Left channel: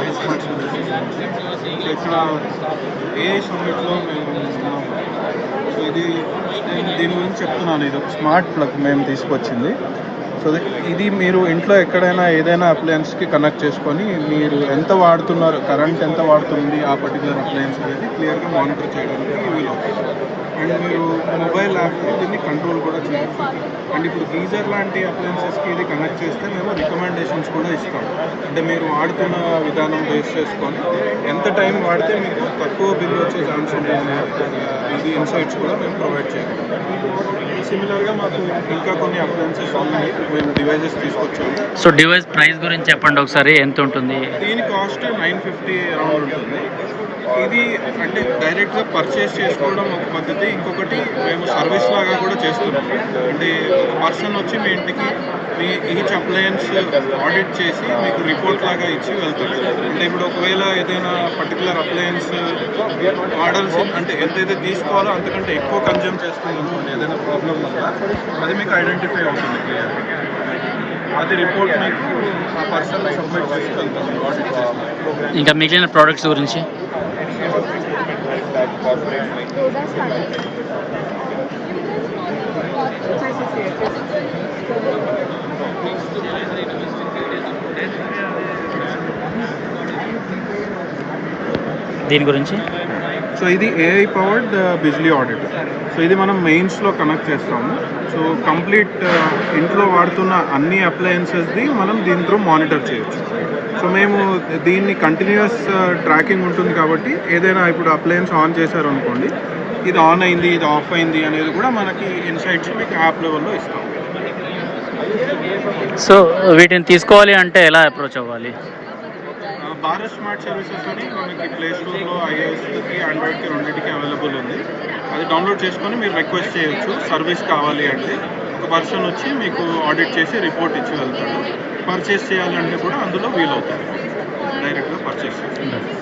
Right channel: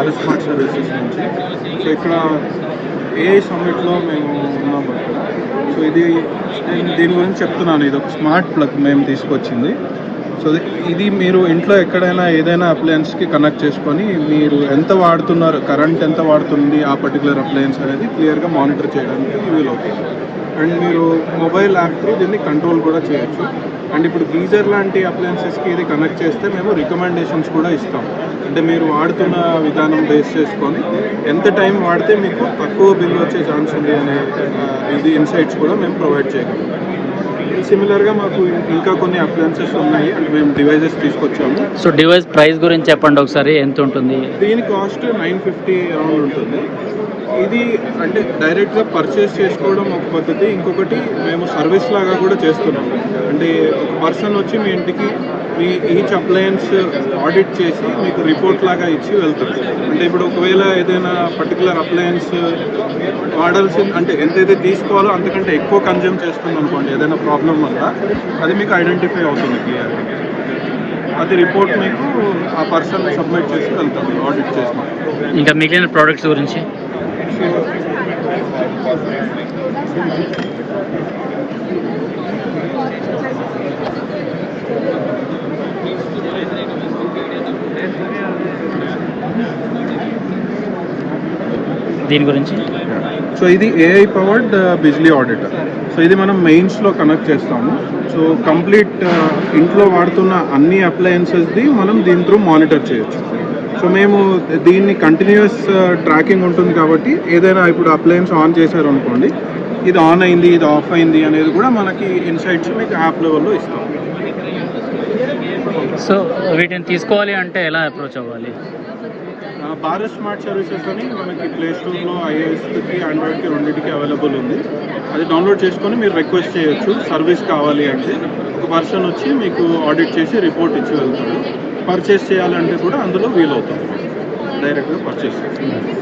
Bharat smart services నుంచి. So ఇక్కడ AI సమ్మిట్లో మేము ఉన్నాము అక్కడ. సో దీని గురించి చెప్తున్నాను. ఇది ఒక స్మార్ట్ ప్లగ్ మేము తీసుకొచ్చింది. సో ఇది మీరు ఇంట్లో ఎక్కడైనా ఏదైనా అప్లయన్స్కి కనెక్ట్ చేసుకొని మీరు ఎంత వాడుతున్నారు, కరెంట్ ఎంత వాడుతుంది ఆ పర్టికులర్ అప్లయన్స్ అనేది క్లియర్గా మానిటర్ చేయడానికి వీలవుతుంది. అండ్ మీరు మొబైల్ యాప్ త్రూ దీన్ని కంట్రోల్ కూడా చేయొచ్చు. అండ్ ఇప్పుడు గీజర్ లాంటి అప్లయన్సెస్కి ఇది కనెక్ట్ చేస్తే మేము రికమెండేషన్స్ కూడా ఇస్తాం. అంటే మీరు వాడుతున్న విధానం బేస్ చేసుకొని ఎంత టైం వాడితే మీకు తక్కువ బిల్ వచ్చే ఛాన్స్ ఉంది అనే ఇది ఇన్సైట్స్ కూడా మేము ప్రొవైడ్ చేయగలం. సిమిలర్గా మాకు ఇంకా కొన్ని అప్లయన్సెస్ ఉన్నాయి, మేము డివైజెస్ తీసుకొచ్చాము. సో డివైస్ ప్రైస్ గురించి చెప్పండి ఒకసారి, ఎంత ఉంటుంది? దీని కాస్ట్ 950 అరౌండ్ ఉంటుంది. ఇది అంటే డైరెక్ట్గా పర్చేస్ చేసుకోవడం ఒక పద్ధతి, ఇంకొకటి మేము సర్వీస్ లాగా కూడా చేస్తున్నాం. అంటే ఒక పర్సన్ వచ్చి మీ ఇంటికి మీ ఈచ్ అప్లయన్స్ ఆడిట్ చేసి మీకు రిపోర్ట్ లాగా ఇచ్చి వెళ్తారు. అంటే ఇప్పుడు ఒకవేళ ఏదైనా పర్టికులర్ అప్లయన్స్ వాడాల్సింది అంటే ఎంతైతే తీసుకోవాలో అంతకంటే ఎక్కువ కన్జ్యూమ్ చేస్తుంది అనుకోండి ఏదైనా ప్రాబ్లం వల్ల, అది మీకు ఐడెంటిఫై అవుతుంది క్లియర్గా. అది రిపోర్ట్ మీకు ఆ పర్సన్ సబ్మిట్ చేసి వెళ్తాం ఆడిట్ చేసిన. ఇంకా మిగిలిన ప్రోడక్ట్స్ గురించి దీని గురించి. సో ఇది AI powered Bijli auditor. So ఇది మనం మెయిన్స్లో కనెక్ట్ చేస్తాము. సో కంప్లీట్ ఇంట్లో వాడుతున్న అన్ని అప్లయన్సెస్ది మనం దీని త్రూ మానిటర్ చేయొచ్చు. సో మేము దీన్ని కంటిన్యూస్ ట్రాకింగ్ ఉంటుంది కాబట్టి ఏదైనా ఇప్పుడు అప్లయన్స్ ఆన్ చేశారు అనుకోండి, ఇది ఆన్ అయింది, ఇది ఆఫ్ అయింది అనేది కూడా మనకి ఇన్సైట్స్ మీకు యాప్ లెవెల్లో ఇస్తాం. సో వీటిని తీసుకోవాలి అంటే ఎలా అప్రోచ్ అవ్వాలి? భారత్ స్మార్ట్ సర్వీసెస్ అని మనకి ప్లే స్టోర్లో iOSకి ఆండ్రాయిడ్కి రెండింటికి అవైలబుల్ ఉంది. అది డౌన్లోడ్ చేసుకొని మీరు రిక్వెస్ట్ చేయొచ్చు. సర్వీస్ కావాలి అంటే ఒక పర్సన్ వచ్చి మీకు ఆడిట్ చేసి రిపోర్ట్ ఇచ్చి వెళ్తాడు. పర్చేస్ చేయాలంటే కూడా అందులో వీలవుతుంది, డైరెక్ట్గా పర్చేస్ చేయాలి.